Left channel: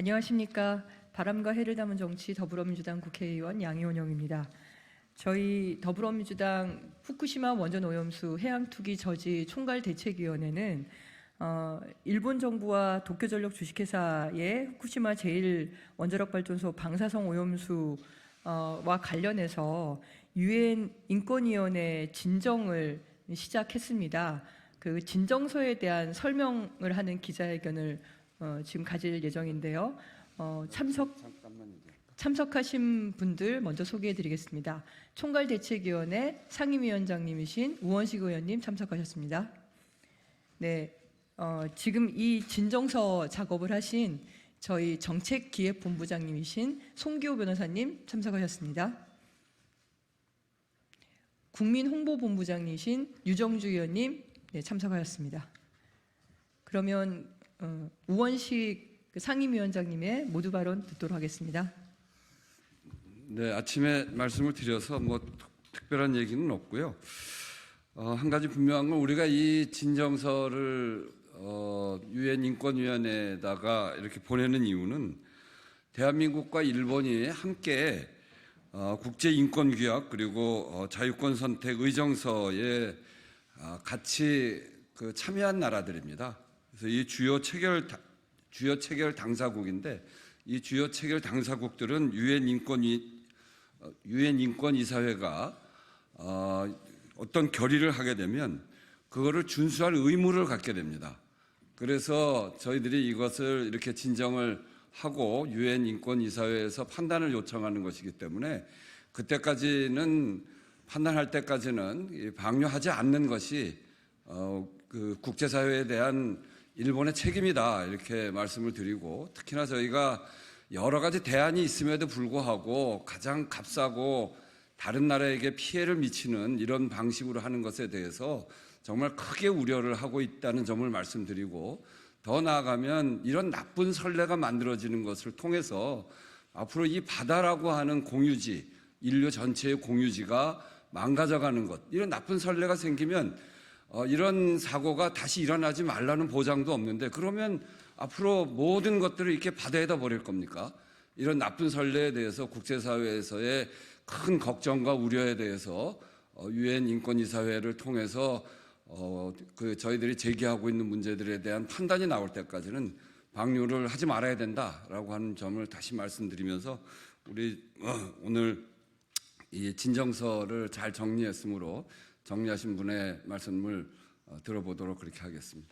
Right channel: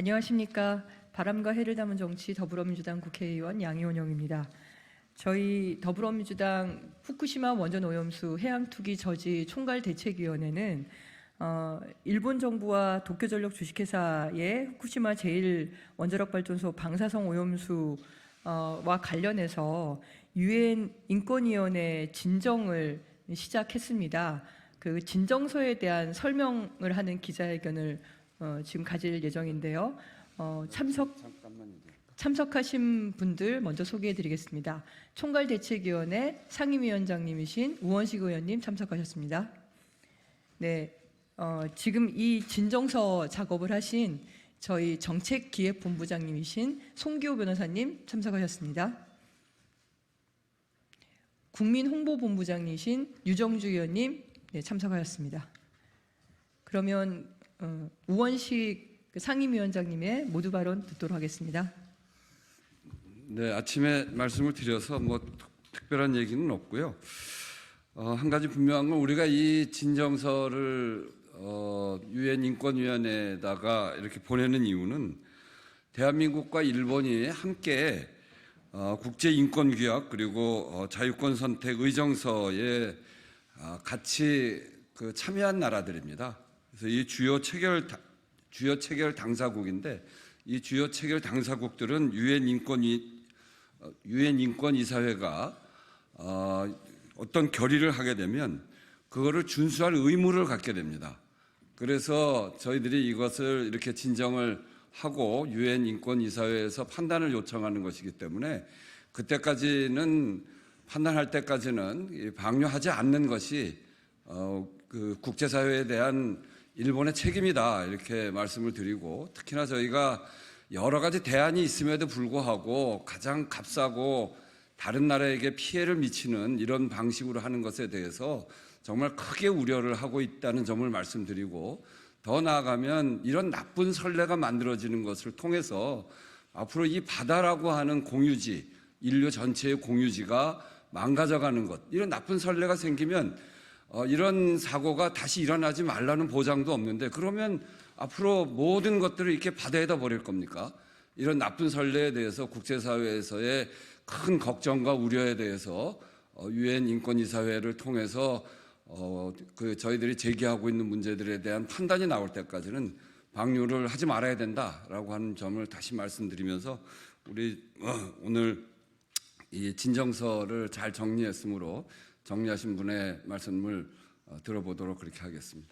안녕하십니까. 바람과 해를 담은 정치 더불어민주당 국회의원 양이원영입니다. 저희 더불어민주당 후쿠시마 원전 오염수 해양 투기 저지 총괄대책위원회는 일본 정부와 도쿄전력 주식회사의 후쿠시마 제1원자력발전소 방사성 오염수와 관련해서 유엔 인권위원회 진정을 시작했습니다. 그 진정서에 대한 설명을 하는 기자회견을 지금 가질 예정인데요. 참석하신 분들 먼저 소개해드리겠습니다. 총괄대책위원회 상임위원장님이신 우원식 의원님 참석하셨습니다. 네, 지금 이 진정서 작업을 하신 저희 정책기획본부장님이신 송기호 변호사님 참석하셨습니다. 국민홍보본부장이신 유정주 의원님 참석하셨습니다. 그러면 우원식 상임위원장님의 모두 발언 듣도록 하겠습니다. 네, 아침에 말씀을 드려서 특별한 얘기는 없고요. 한 가지 분명한 건 우리가 이 진정서를 유엔 인권위원회에다가 이렇게 보내는 이유는 대한민국과 일본이 함께 국제인권규약 그리고 자유권 선택 의정서에 같이 참여한 나라들입니다. 그래서 이 주요 체결 당사국인데 이 주요 체결 당사국들은 유엔 인권이사회가 어떤 결의를 하게 되면 그거를 준수할 의무를 갖게 됩니다. 그래서 저희들이 이것을 이렇게 진정을 하고 유엔 인권이사회에서 판단을 요청하는 것이기 때문에 그때까지는 판단할 때까지는 방류하지 않는 것이 그 국제사회에 대한 일본의 책임이다 이렇게 말씀을 드리고, 특히나 저희가 여러 가지 대안이 있음에도 불구하고 가장 값싸고 다른 나라에게 피해를 미치는 이런 방식으로 하는 것에 대해서 정말 크게 우려를 하고 있다는 점을 말씀드리고, 더 나아가면 이런 나쁜 선례가 만들어지는 것을 통해서 앞으로 이 바다라고 하는 공유지, 인류 전체의 공유지가 망가져가는 것, 이런 나쁜 선례가 생기면 이런 사고가 다시 일어나지 말라는 보장도 없는데, 그러면 앞으로 모든 것들을 이렇게 바다에다 버릴 겁니까? 이런 나쁜 선례에 대해서 국제사회에서의 큰 걱정과 우려에 대해서 유엔 인권이사회를 통해서 저희들이 제기하고 있는 문제들에 대한 판단이 나올 때까지는 방류를 하지 말아야 된다라고 하는 점을 다시 말씀드리면서, 우리 오늘 이 진정서를 잘 정리했으므로 정리하신 분의 말씀을 들어보도록 그렇게 하겠습니다.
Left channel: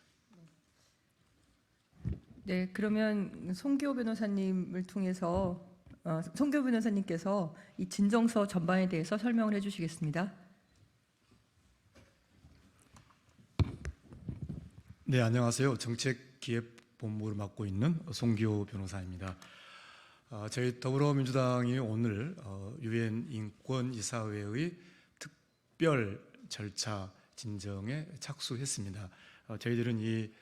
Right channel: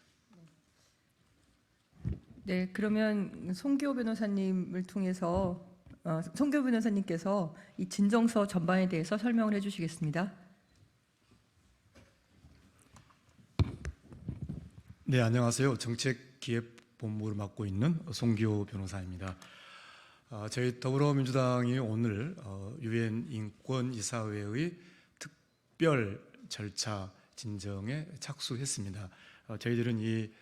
네, 그러면 송기호 변호사님을 통해서 송기호 변호사님께서 이 진정서 전반에 대해서 설명을 해주시겠습니다. 네, 안녕하세요. 정책기획본부를 맡고 있는 송기호 변호사입니다. 저희 더불어민주당이 오늘 유엔 인권이사회의 특별 절차 진정에 착수했습니다. 저희들은 이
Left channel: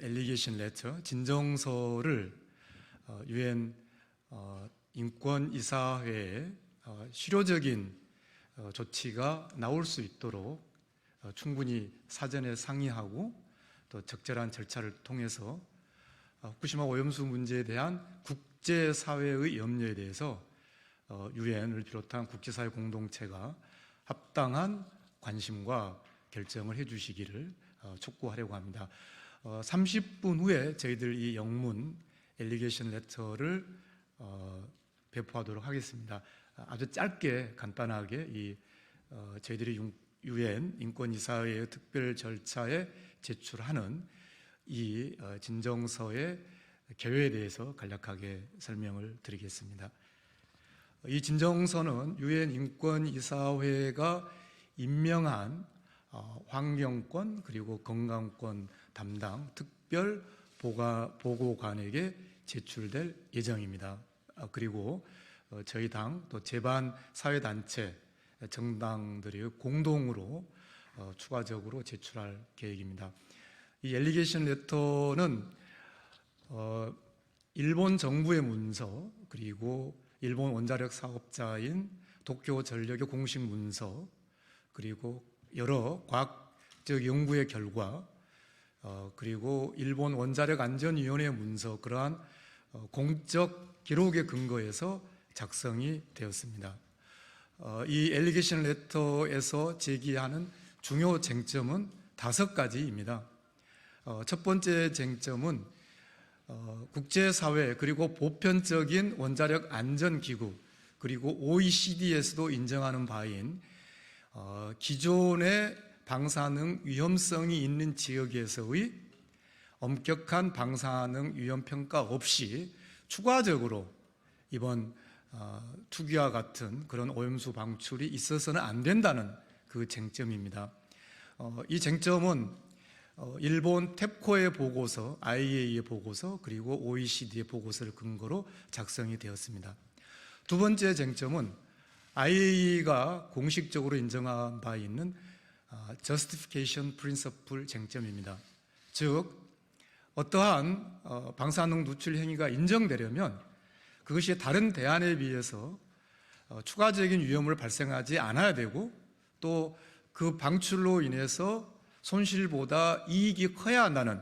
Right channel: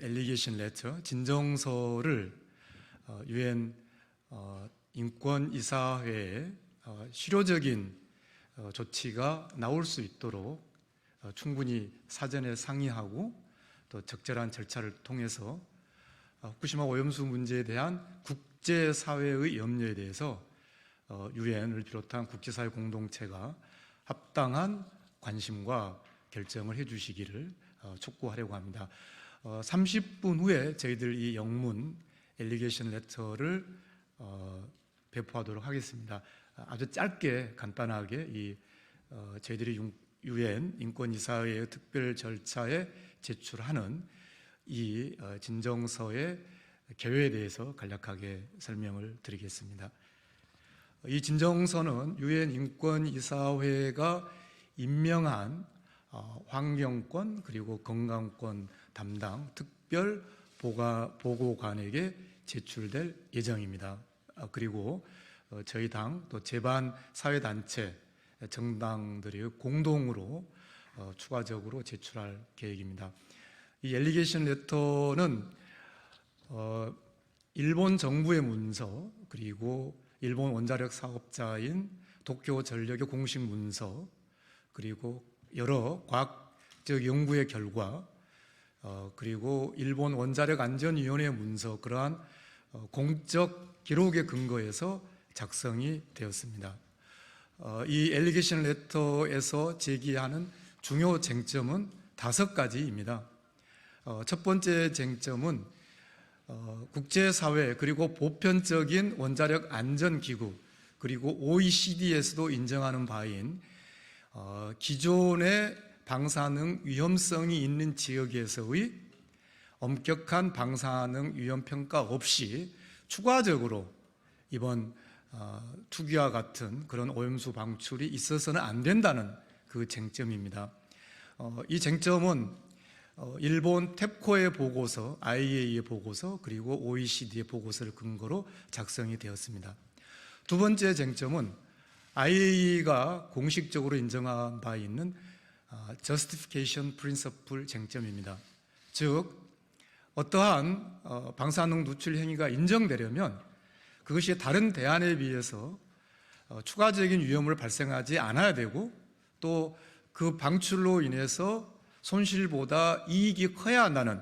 엘리게이션 레터, 진정서를 유엔 인권이사회에 실효적인 조치가 나올 수 있도록 충분히 사전에 상의하고 또 적절한 절차를 통해서 후쿠시마 오염수 문제에 대한 국제사회의 염려에 대해서 유엔을 비롯한 국제사회 공동체가 합당한 관심과 결정을 해주시기를 촉구하려고 합니다. 30분 후에 저희들 이 영문 엘리게이션 레터를 배포하도록 하겠습니다. 아주 짧게 간단하게 저희들이 유엔 인권이사회의 특별 절차에 제출하는 이 진정서의 개요에 대해서 간략하게 설명을 드리겠습니다. 이 진정서는 유엔 인권이사회가 임명한 환경권 그리고 건강권 담당 특별 보고관에게 제출될 예정입니다. 그리고 저희 당 또 제반 사회단체 정당들이 공동으로 추가적으로 제출할 계획입니다. 이 엘리게이션 레터는 일본 정부의 문서 그리고 일본 원자력 사업자인 도쿄전력의 공식 문서 그리고 여러 과학적 연구의 결과 그리고 일본 원자력 안전위원회 문서, 그러한 공적 기록에 근거해서 작성이 되었습니다. 이 엘리게이션 레터에서 제기하는 중요 쟁점은 5가지입니다. 첫 번째 쟁점은 국제사회 그리고 보편적인 원자력 안전기구 그리고 OECD에서도 인정하는 바인 기존의 방사능 위험성이 있는 지역에서의 엄격한 방사능 위험 평가 없이 추가적으로 이번 투기와 같은 그런 오염수 방출이 있어서는 안 된다는 그 쟁점입니다. 이 쟁점은 일본 탭코의 보고서, IAEA의 보고서 그리고 OECD의 보고서를 근거로 작성이 되었습니다. 두 번째 쟁점은 IAEA가 공식적으로 인정한 바 있는 Justification Principle 쟁점입니다. 즉 어떠한 방사능 누출 행위가 인정되려면 그것이 다른 대안에 비해서 추가적인 위험을 발생하지 않아야 되고 또 그 방출로 인해서 손실보다 이익이 커야 한다는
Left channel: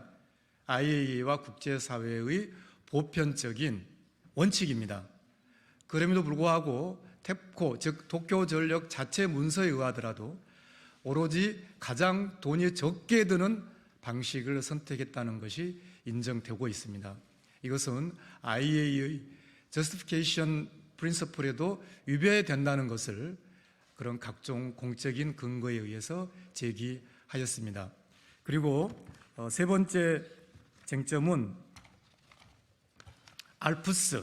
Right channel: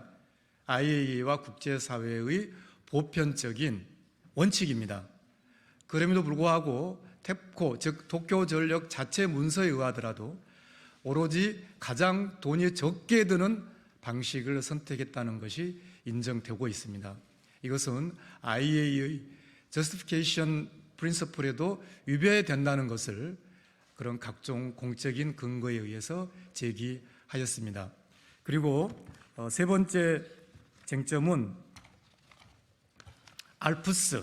IAEA와 국제사회의 보편적인 원칙입니다. 그럼에도 불구하고 탭코, 즉 도쿄전력 자체 문서에 의하더라도 오로지 가장 돈이 적게 드는 방식을 선택했다는 것이 인정되고 있습니다. 이것은 IAEA의 Justification Principle에도 위배된다는 것을 그런 각종 공적인 근거에 의해서 제기하였습니다. 그리고 세 번째 쟁점은 알프스,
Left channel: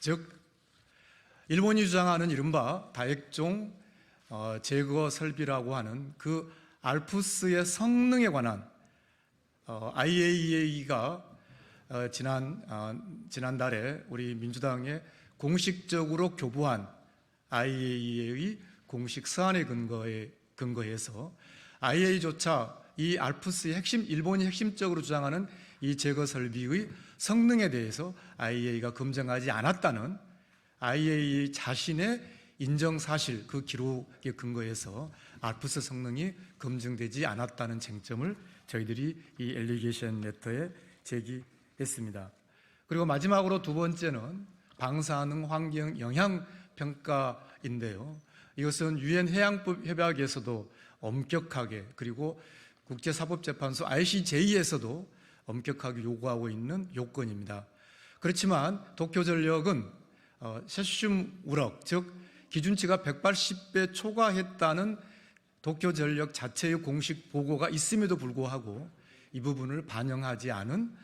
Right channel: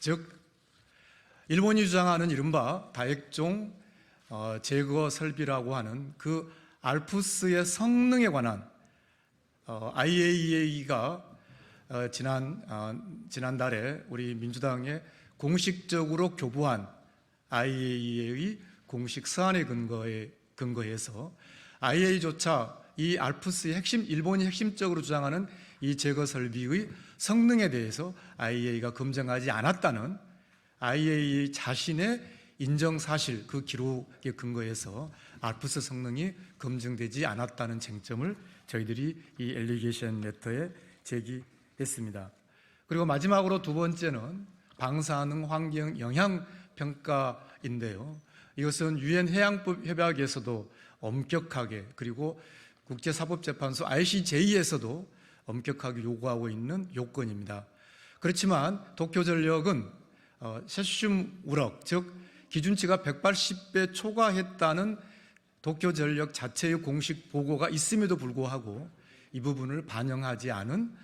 즉 일본이 주장하는 이른바 다액종 제거 설비라고 하는 그 알프스의 성능에 관한 IAEA가 지난달에 우리 민주당에 공식적으로 교부한 IAEA의 공식 서한에 근거해서 IAEA조차 이 알프스의 일본이 핵심적으로 주장하는 이 제거 설비의 성능에 대해서 IAEA가 검증하지 않았다는 IAEA 자신의 인정 사실 그 기록에 근거해서 알프스 성능이 검증되지 않았다는 쟁점을 저희들이 이 엘리게이션 레터에 제기했습니다. 그리고 마지막으로 두 번째는 방사능 환경 영향 평가인데요. 이것은 유엔 해양법 협약에서도 엄격하게 그리고 국제사법재판소 ICJ에서도 엄격하게 요구하고 있는 요건입니다. 그렇지만 도쿄전력은 세슘 우럭, 즉 기준치가 180배 초과했다는 도쿄전력 자체의 공식 보고가 있음에도 불구하고 이 부분을 반영하지 않은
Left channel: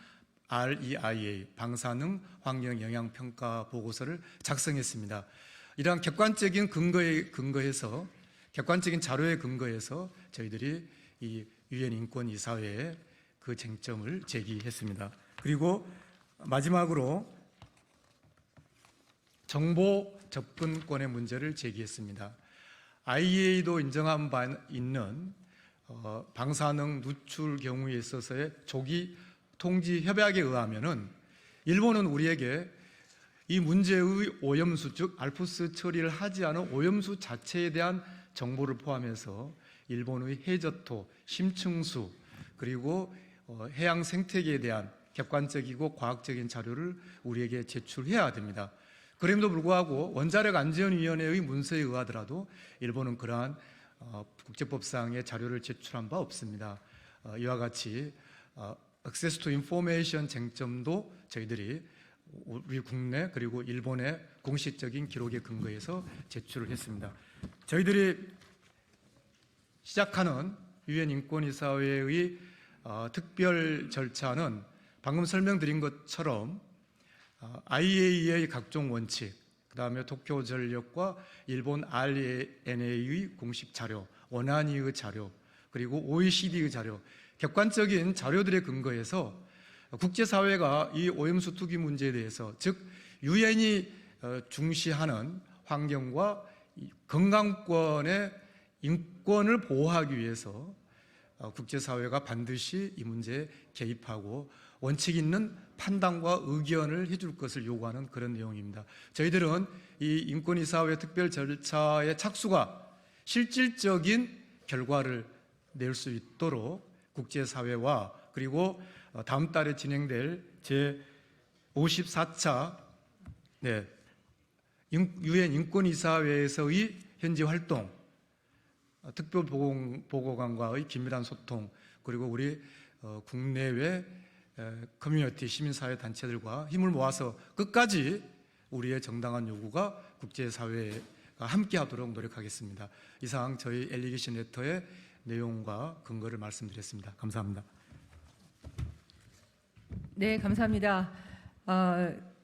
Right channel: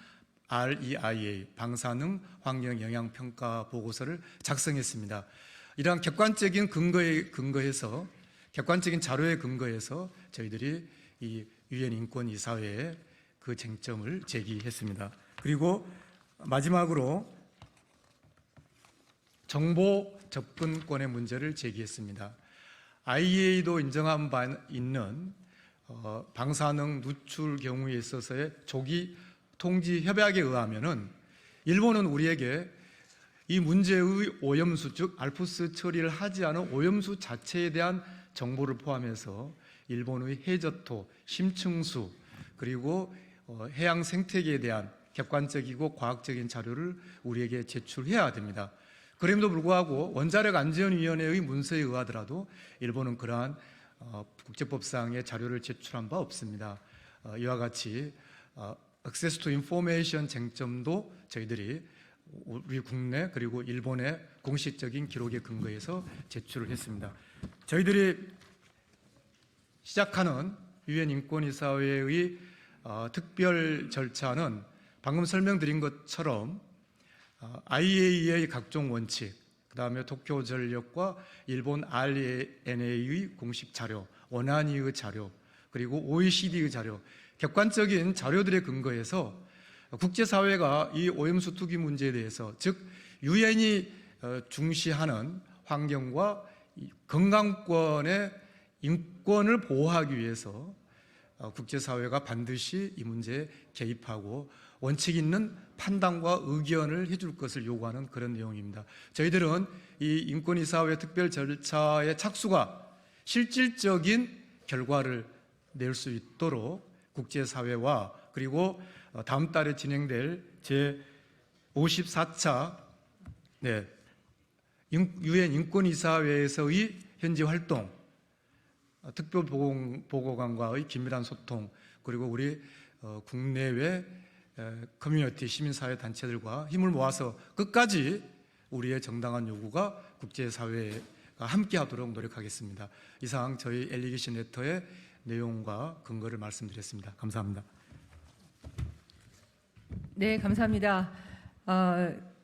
REIA 방사능 환경 영향 평가 보고서를 작성했습니다. 이러한 객관적인 객관적인 자료에 근거해서 저희들이 이 유엔 인권 이사회에 그 쟁점을 제기했습니다. 그리고 마지막으로 정보 접근권의 문제를 제기했습니다. IAEA도 인정한 바 있는 방사능 누출 경우에 있어서의 조기 통지 협약에 의하면은 일본은 우리에게 이 문제의 오염수, 즉 알프스 처리를 하지 않은 오염수 자체에 대한 정보를 포함해서 일본의 해저토, 심층수 그리고 해양 생태계에 대한 객관적이고 과학적인 자료를 우리에게 제출해야 됩니다. 그럼에도 불구하고 원자력 안전위원회의 문서에 의하더라도 일본은 그러한 국제법상의 자료를 제출한 바 없습니다. 이와 같이 Access to Information 쟁점도 저희들이 우리 국내 그리고 일본의 공식적인 기록에 근거해서 제출을 했습니다. 저희들이 시작하는 유엔 인권이사회의 특별 절차는 방금 설명드린 것처럼 IAEA의 각종 원칙, 그 다음에 도쿄전력과 일본 RENA의 공식 자료, 원안위의 자료, 그리고 OECD의 자료, 객관적인 자료들에 근거해서 국제사회가 이 오염수 투기 문제에 대해서 즉 유엔이 중시하는 환경과 건강권의 인권을 보호하기 위해서 국제사회가 반드시 이 문제에 개입하고 원칙 있는 판단과 의견을 해줄 것을 요구하는 그런 내용입니다. 저희들은 이 인권이사회 특별 절차의 착수가 실질적인 결과를 낼 수 있도록 국제사회와 그리고 다음 달에 진행될 54차 유엔 인권이사회에서의 현지 활동, 특별보고관과의 긴밀한 소통, 그리고 우리 국내외 커뮤니티 시민사회 단체들과 힘을 모아서 끝까지 우리의 정당한 요구가 국제사회가 함께하도록 노력하겠습니다. 이상 저희 엘리게이션 레터의 내용과 근거를 말씀드렸습니다. 감사합니다. 네, 감사합니다.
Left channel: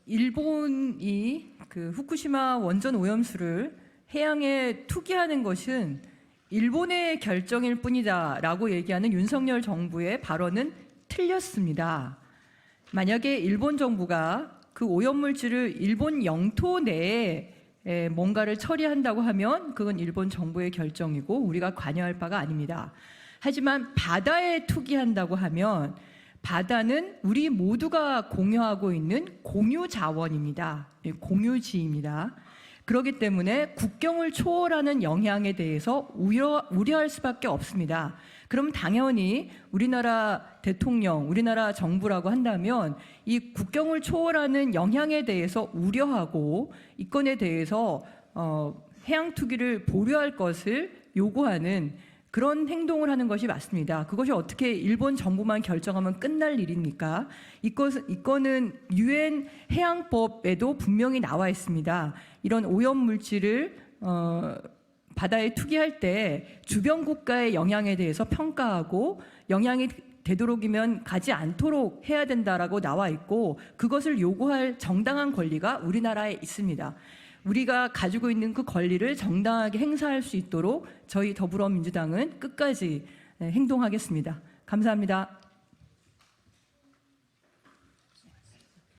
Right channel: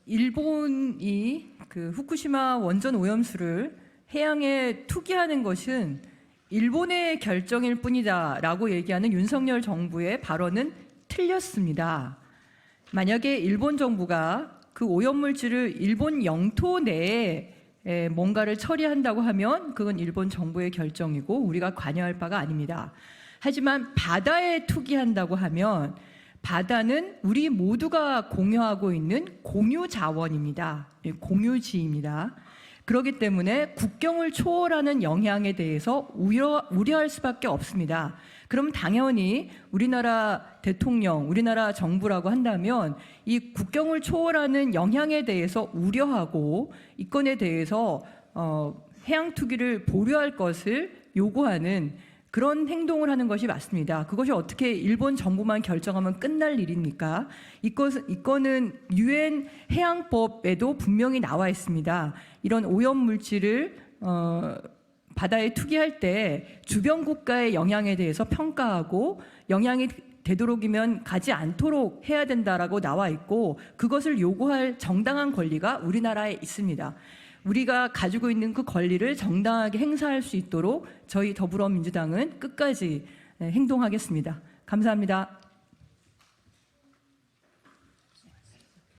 일본이 그 후쿠시마 원전 오염수를 해양에 투기하는 것은 일본의 결정일 뿐이다라고 얘기하는 윤석열 정부의 발언은 틀렸습니다. 만약에 일본 정부가 그 오염물질을 일본 영토 내에 뭔가를 처리한다고 하면 그건 일본 정부의 결정이고 우리가 관여할 바가 아닙니다. 하지만 바다에 투기한다고 하면 바다는 우리 모두가 공유하고 있는 공유 자원입니다. 공유지입니다. 그렇기 때문에 국경을 초월하는 영향에 대해서 우려할 수밖에 없습니다. 그럼 당연히 우리나라 대통령, 우리나라 정부라고 한다면 이 국경을 초월하는 영향에 대해서 우려하고 이 건에 대해서 해양 투기를 보류할 것을 요구하는 그런 행동을 하는 것이 맞습니다. 그것이 어떻게 일본 정부만 결정하면 끝날 일입니까? 이 건은 유엔 해양법에도 분명히 나와 있습니다. 이런 오염물질을 바다에 투기할 때 주변 국가의 영향에 대해서 평가하고 영향이 되도록이면 가지 않도록 해야 된다라고 나와 있고 그것을 요구할 정당한 권리가 우리나라에 있습니다. 우리가 가지고 있는 그 권리를 정당하게 행사할 수 있도록 저희 더불어민주당은 끝까지 행동하겠습니다. 감사합니다.